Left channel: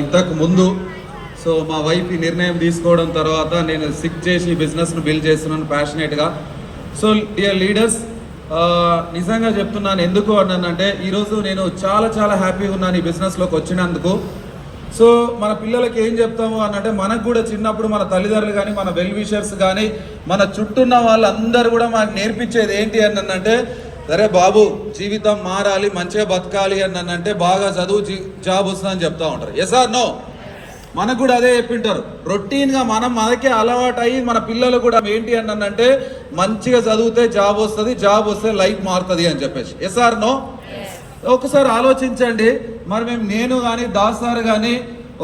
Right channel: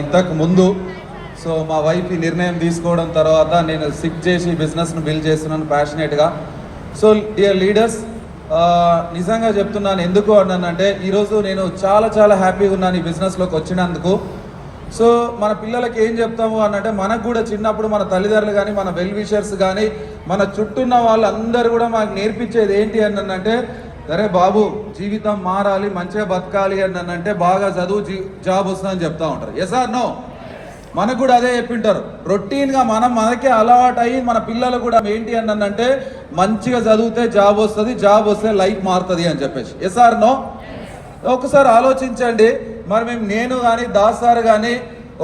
ఇంతకు ముందు సో మా వైఫ్ ఈ నిర్ణయం తీసుకోవడం తర్వాత నేను సిక్ చేసి బిజినెస్ను బిల్డ్ చేస్తున్నాను ప్యాషనేట్గా. సో డియర్ లీడర్స్, నిజంగా చెప్తున్నాను ఎందుకు అన్నానంటే ఈరోజు నేను చాలా చాలా హ్యాపీగా ఉన్నాను ఈ బిజినెస్లోకి వచ్చినందుకు. సో మన పిల్లలకి ఏం చెప్తాము అనంటే మనకు కూడా చిన్నప్పుడు మన తల్లిదండ్రులు కానీ మన వెల్ విషర్స్ కానీ మన చుట్టూన్న వాళ్ళందరూ కూడా మనకు నేర్పించేది ఏంటి అనంటే, సరే బాబు జీవితం మారాలి, మంచిగా బతకాలి అంటే బాగా చదువు జాబ్ వస్తుందని చెప్తా ఉంటారు. Yes or no? మనకు కూడా అదే చెప్పింటారు. రొటీన్గా మనకే అలవాటు అయ్యి మన పిల్లలు కూడా ఏంటి అంటే మంచిగా చదివితే జాబ్ వస్తుంది, జాబ్ వస్తే లైఫ్ మారుతుంది అని చెప్పేసి. Yes or no? ఒకసారి ఆలోచించండి. మరి నేను కానీ దాస్ సార్ కానీ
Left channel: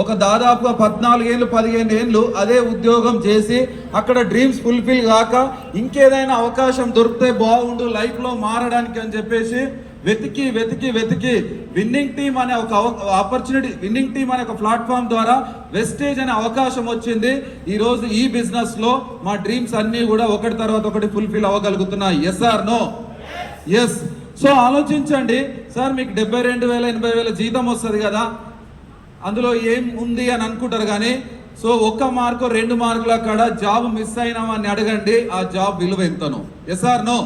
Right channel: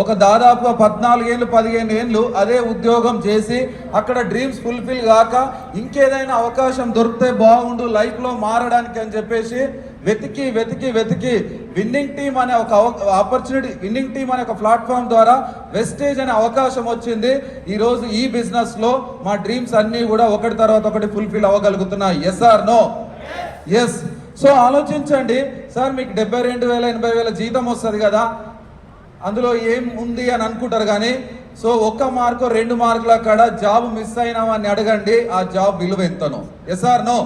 ఒక దాదాపుగా 14 ఏళ్ళు 15 ఏళ్ళు అదే ఉద్యోగం చేసి అక్కడ డ్రీమ్స్ ఫుల్ఫిల్ కాక ఇంకేదైనా అవకాశం దొరికితే బాగుండు లైఫ్లో మారడానికి అని చెప్పేసి వెతికి వెతికి వెతికి విన్నింగ్ టీమ్ అనే ఒక ఆపర్చునిటీ, విన్నింగ్ టీమ్ అనే ఒక ప్లాట్ఫామ్ ద్వారా వెస్టేజ్ అనే అవకాశం వచ్చింది. ఈరోజు ఈ బిజినెస్లో మా డ్రీమ్స్ అన్నీ కూడా ఒకటి తర్వాత ఒకటి ఫుల్ఫిల్ అవ్వగలుగుతున్నాయి. Yes or no? Yes. So ఆలోచించండి సార్, మీకు 72,000 80,000 జీతం వస్తుంది కదా, అందులో ఏం ఉంది అని అనుకుంటారు. కానీ సో 1 మార్కు 2 మార్కుల కాడ జాబ్ మిస్ అయినామని అడగండి, ఆ జాబ్ విలువ ఎంతనో. Yes or no?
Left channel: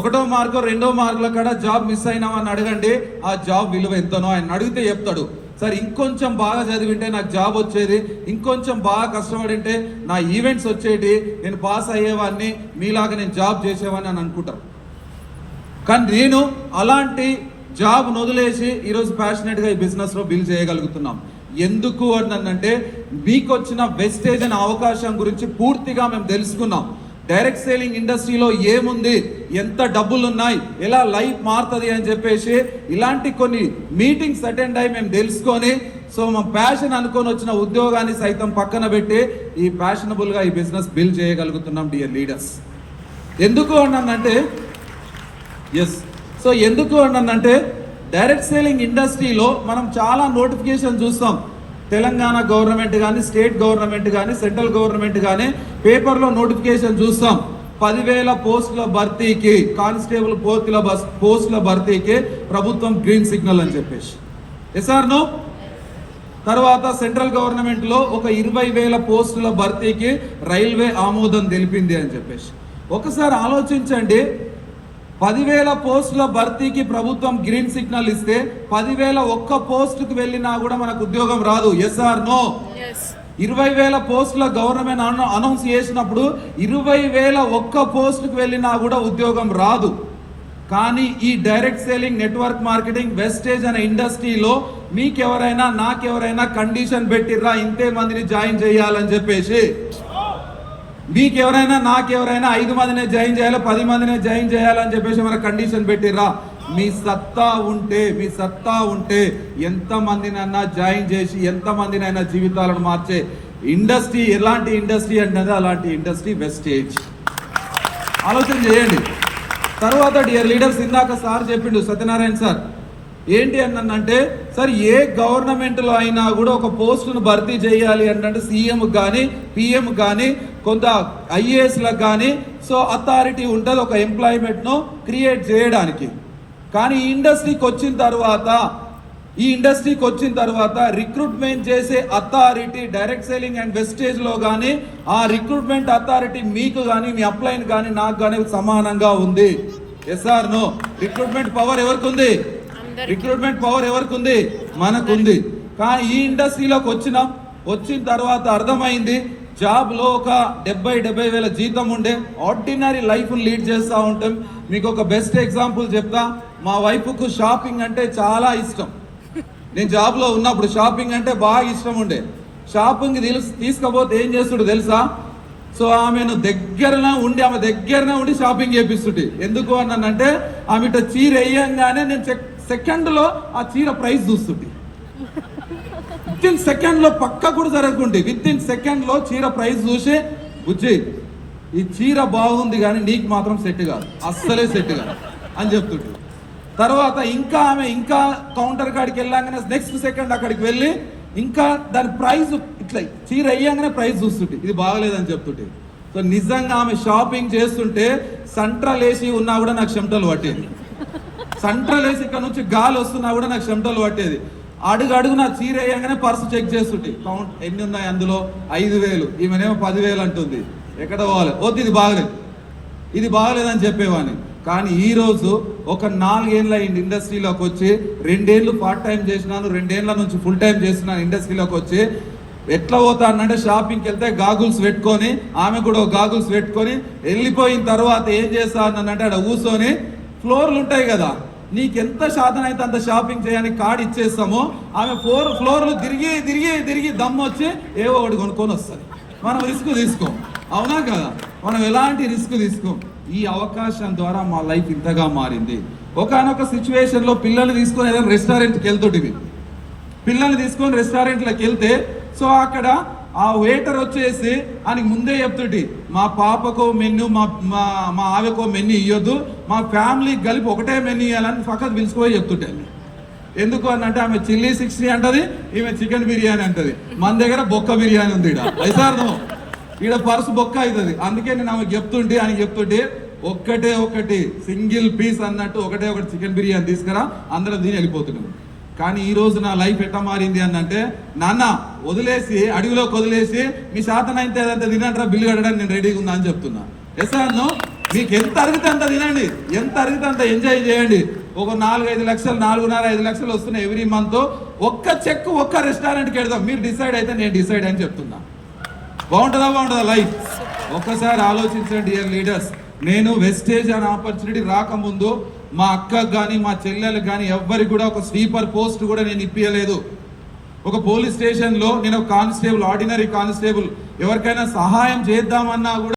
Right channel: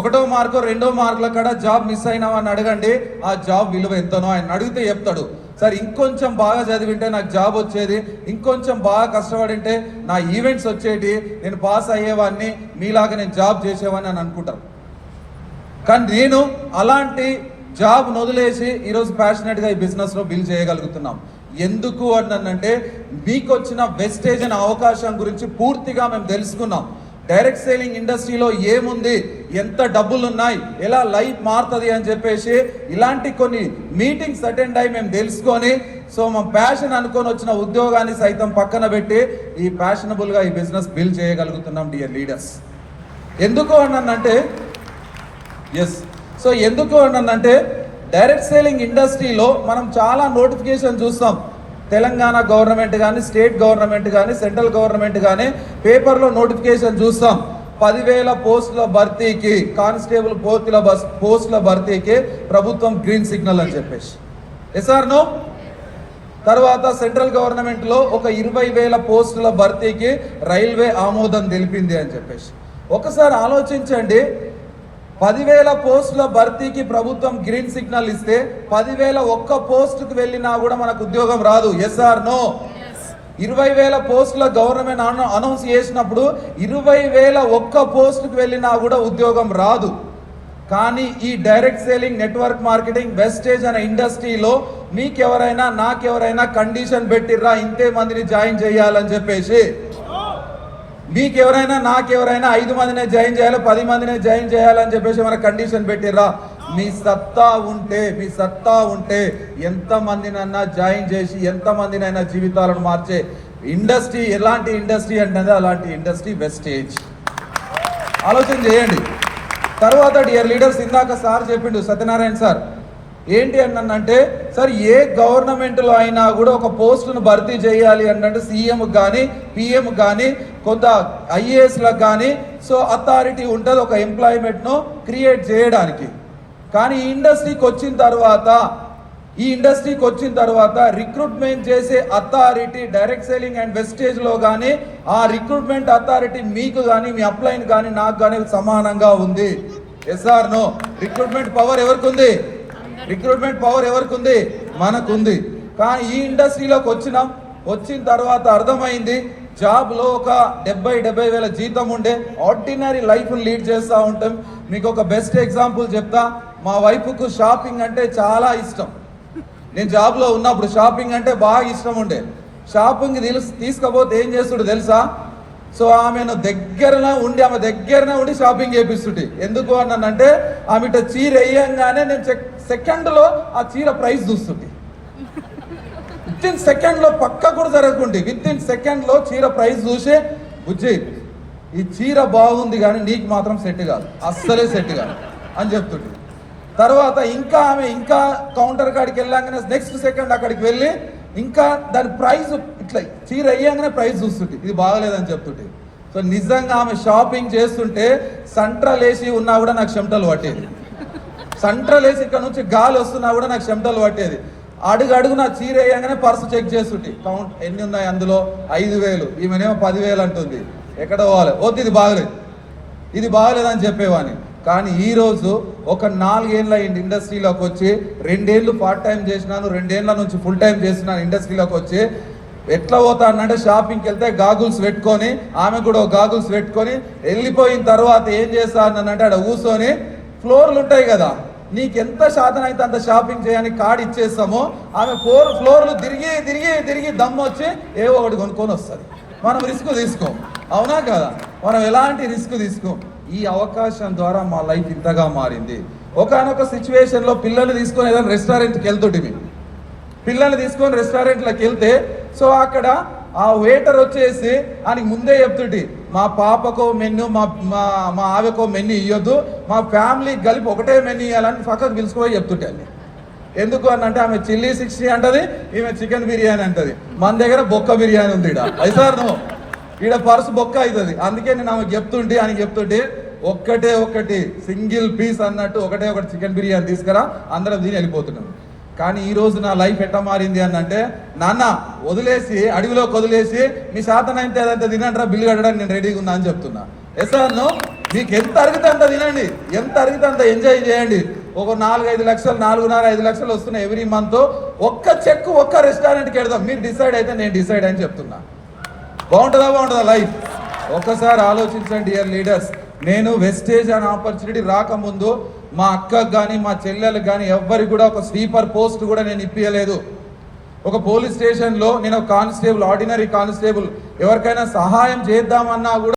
1వ మార్కు 2వ మార్కుల కాడ జాబ్ మిస్ అయినామని అడగండి, ఆ జాబ్ విలువ ఎంతనో. ఆయన అడిగితే చెప్తాడు, సార్ ఇంకొంచెం బాగా చదివింటే నాకు జాబ్ వచ్చేది, ఇంకొంచెం బాగా కష్టపడింటే నా ఈవెంట్స్ వచ్చేటి, నేను పాస్ అయ్యేవాడిని, మీలాగా నేను జాబ్ చేసేవాడిని అని అనుకుంటాను. కానీ నేను అలాంటి జాబ్ వదిలేసి ఈరోజు ప్యాషనెట్గా ఈ బిజినెస్లో బిల్డ్ చేయగలుగుతున్నాం. ఎందుకు అంటే మీకు వచ్చిన వెస్టేజ్ అనే అవకాశం గురించి పూర్తిగా మేము తెలుసుకున్నాం. డైరెక్ట్ సేలింగ్ ఇండస్ట్రీలో ఏముంది, ఎంత డబ్బులు ఉన్నాయి, ఎలా లైఫ్ మారుతుంది అని చెప్పేసి ఇలాంటి కొన్ని మీటింగ్స్ అటెండ్ అయ్యి మేము తెలుసుకొని సో మా ప్యాషన్ అనుకొని వచ్చిన ఉద్యోగాన్ని సైతం పక్కన పెట్టి ఈ ప్యాషనబుల్గా ఈ బిజినెస్ బిల్డ్ చేయగలుగుతున్నాం డియర్ లీడర్స్. ఎందుకు అంటే ఎస్. సో ఎందుకు అంటే డైరెక్ట్ సేలింగ్ ఇండస్ట్రీలో మనం చాలా నోటిఫికేషన్ చూస్తాం. తెలంగాణ గవర్నమెంట్ కానీ, స్టేట్ గవర్నమెంట్ కానీ, సెంట్రల్ గవర్నమెంట్ కానీ పేపర్లో నోటిఫికేషన్ చూస్తాం. 10,000 పోస్టుల భర్తీకి, కానిస్టేబుల్ పోస్టుల భర్తీకి ప్రభుత్వం గ్రీన్ సిగ్నల్ అని చెప్పేసి. Yes or no? తర్వాత సెంట్రల్ గవర్నమెంట్లో ఒక 20,000 పోస్టుల భర్తీకి రైల్వే ఆమోదం తెలిపింది అని చెప్పేసి. ఒకసారి ఆలోచించండి, 10,000 పోస్టుల భర్తీకి ప్రభుత్వం గ్రీన్ సిగ్నల్ ఇస్తే 10,000 ఒక్క పోస్టుకు వెళ్ళినా కూడా మనకు ఉద్యోగం రాదు. Yes or no? 20,000 పోస్టుల గవర్నమెంట్ అనౌన్స్ చేసినప్పుడు 20,000 ఒక్క పోస్టుకు వెళ్ళినా కూడా ఉద్యోగం రాదు. కానీ ఈ direct selling, network marketing, Vestige అనే ఇండస్ట్రీలో మీకెవరైనా నాకెవరైనా కండిషన్ పెట్టిర్రా ఇంతే మందిని జాయిన్ చేయాలని చెప్పేసి? మీకెవరైనా నాకెవరైనా 5 మందినే జాయిన్ చేయాలి, 10 మందినే జాయిన్ చేయాలని చెప్పేసి మన కండిషన్ పెట్టిర్రా? మీ సత్తా ఉంటే ఎంతమందినైనా జాయిన్ చేసి ఎంతమందినైనా జీవితాలను మార్చే ఇండస్ట్రీ ఎలాంటి ఇండస్ట్రీ అంటే అలాంటి ఇండస్ట్రీ వెస్టేజ్. ఆలోచన చేయండి. తర్వాత డియర్ లీడర్స్, ఇందాక సార్ చెప్పిండు, సత్యనారాయణ సార్, ఏంటి అంటే సార్ ఏ గవర్నమెంట్లో అయినా కూడా ఒక పోస్టును భర్తీ చేయాలి అంటే సీఎం కానీ పిఎం కానీ కొంత ఐఏఎస్లకు కానీ సో అథారిటీ ఉంటుంది ఒక ఎంప్లాయ్మెంట్ను క్రియేట్ చేయడానికి. కానీ ఈ ఇండస్ట్రీకి వచ్చిన తర్వాత రిక్రూట్మెంట్ చేసే అథారిటీ డైరెక్ట్ సేలింగ్ అండ్ వెస్టేజ్లో కానీ ఆ రిక్రూట్మెంట్ అథారిటీ మీకు కానీ మీ అప్లైన్ కానీ నాకు కానీ సమానంగా ఉంది. Yes or no? Recruitment power ఎవరికి ఉంది? మనకు ఉంది. కానీ ఈ ఇండస్ట్రీలోకి వచ్చిన తర్వాత అర్థమైంది, జాబ్లో ఒక 70,000 జీతం ఉండే ఆర్డినరీ లైఫ్ లీడ్ చేస్తూ ఉంటాం. మీకు ఒక బెస్ట్ ఎగ్జాంపుల్ చెప్తా. మా వైఫ్కు షాపింగ్ అంటే చాలా ఇష్టం. నేను జాబ్లో ఉన్నప్పుడు షాపింగ్ అంటే బాగా ఇష్టం ఉండే. షాపింగ్ తీసుకపోతే ఏం చేస్తుడు తెలుసా? సో ఆమె దగ్గరనే ఉండి షాపింగ్ చేపిస్తుంటే. ఎందుకు అంటే ఆమె చీర వేయంగానే నేను సెకండ్లో ఆ చీర ప్రైస్ చూస్తుంటే, విత్ ఇన్ సెకండ్లో పక్క కూడా జరగకుంటే విత్ ఇన్ సెకండ్లో చీర ప్రైస్ చూసి, బుజ్జి ఈ చీర బాగుంది కానీ నీకు మాత్రం సెట్ కాదు, అస్సలే సెట్ కాదు అని చెప్తుంటే. తర్వాత ఆమె కౌంటర్ కాడికి వెళ్ళాగానే నెక్స్ట్ సెకండ్ అక్కడికి వెళ్ళి ఇంకా దాని ప్రైస్ ఇట్లా చీర అయ్యాగానే ప్రైస్ చూస్తుంటే ఇది బాగలేదని చెప్తుంటే. సో నిజంగా ఆమె షాపింగ్ చేస్తుంటే సెంట్రల్ ఏసీ ఉన్నా కూడా నాకు చెమటలు పట్టేది. సెంట్రల్ ఏసీ ఇక్కడ నుంచి గాలి వస్తున్నా కూడా నాకు చెమటలు పట్టేది. అడుగు నా చీర వేయగానే పర్సు చెక్ చేస్తుంటే కౌంట్ ఎన్ని ఉన్నాయి అందులో 5,000, ఈమెనేమో 10,000 అంటుంది. ఎక్కడ పోవాలి? వద్దు, ఇది బాగలేదని చెప్పేవాని. కానీ ఈరోజు ఒక 4 ఏళ్ళ ఇండస్ట్రీలోకి వచ్చి 2 ఏళ్ళు పార్ట్ టైం చేసినాను, 2 ఏళ్ళ నుంచి ఫుల్ టైం చేసినాను ఇండస్ట్రీలోకి వచ్చి. ఎట్లా పోతానంటే షాపింగ్కి వెళ్తే గాగుల్స్ పెట్టుకొని, ఆమె కూడా గాగుల్స్ పెట్టుకొని వెళ్ళిపోయిన తర్వాత ఏం చేస్తానంటే అక్కడ కూర్చొని ఫ్లోర్లు ఉంటాయి కదా, నీకెంత శాతం అయితే అంత షాపింగ్ చేయని కార్డు ఇచ్చేస్తామో ఆమె 4 ఫ్లోర్లు తిరిగి దమ్ము వచ్చి ఏవో ఒకటి కొనుక్కొని వస్తుంది. మనం రిస్క్ తీసుకోం, అవునా కదా? మనం ఎలాంటి రిస్క్ తీసుకోం. ఈ అవకాశం ద్వారా మా లైఫ్ ఇంతగా మారింది. ఒకనొక సిచ్యువేషన్లో పిల్లల్ని తీసుకొని ఏదైనా రెస్టారెంట్కి వెళ్తుంటివి. పిల్లల్ని తీసుకొని రెస్టారెంట్లోకి వెళ్తే సో అక్కడ ఆ వెయిటర్ వచ్చేసి అని ముందే చెప్తుంటి, మా పాపకో మెన్యూ, మా ఆమెకో మెన్యూ ఇవ్వద్దు, మా ఫ్యామిలీకి కలిపి ఒకటే మెన్యూ ఇవ్వాలని పక్కకు పిలుచుకుపోయి చెప్తుంటే. ఎందుకు అని అంటే ఆమె చిల్లీ 60 అంటది, ఈమె చికెన్ బిర్యానీ అంటది. మన దగ్గర బొక్క బిర్యానీ ఉంది ఈడ పర్సు బొక్క అవుతుంది. అందుకే నేను ఆమె చెప్తుంటే ఒకటి సింగిల్ పీస్ అన్నట్టు ఒకటి చికెన్ బిర్యానీ తీసుకురా, అందరం దీని వెళ్ళిపోతున్నాం. కానీ ఈ రోజు నా లైఫ్ ఎట్లా మారింది అని అంటే, నాన్న వదిలేసి అడవిలోకి వదిలేసి మీ శాతనైతే ఏదంతా తినంటారా, బిల్లు కట్టడానికి నేను రెడీగా ఉన్నా అని చెప్తున్నా. ఎసాను మీకు ఎంత అరిగితే అంత తినండి, ఎంత అరిగితే అంత ఎంజాయ్ చేయండి. ఒక 4-5 లక్షలు, 4.5 లక్షలు వస్తున్నాయి ఎవ్రీ మంత్. ఒక్క చెక్ ఒక్క రెస్టారెంట్కి వెళ్దాం, మీరు డిసైడ్ అయితే నేను డిసైడ్ అని చెప్తున్నా. బాగుంటుందా లైఫ్? ఒక్కసారి ఆలోచించండి డియర్ లీడర్స్. నేను వెస్టేజ్ అనే ఆపర్చునిటీ రాకముందు మా అక్కకు కానీ మా చెల్లెలకు కానీ ఎవ్వరికి కూడా ఒక స్వీపర్ పోస్ట్ కూడా నేను ఇప్పించలేదు. ఒక పోలీస్ స్టేషన్లో నేను కానిస్టేబుల్, ఆర్డినరీ కానిస్టేబుల్, ఎవరికైనా సహాయం చేద్దామన్నా కూడా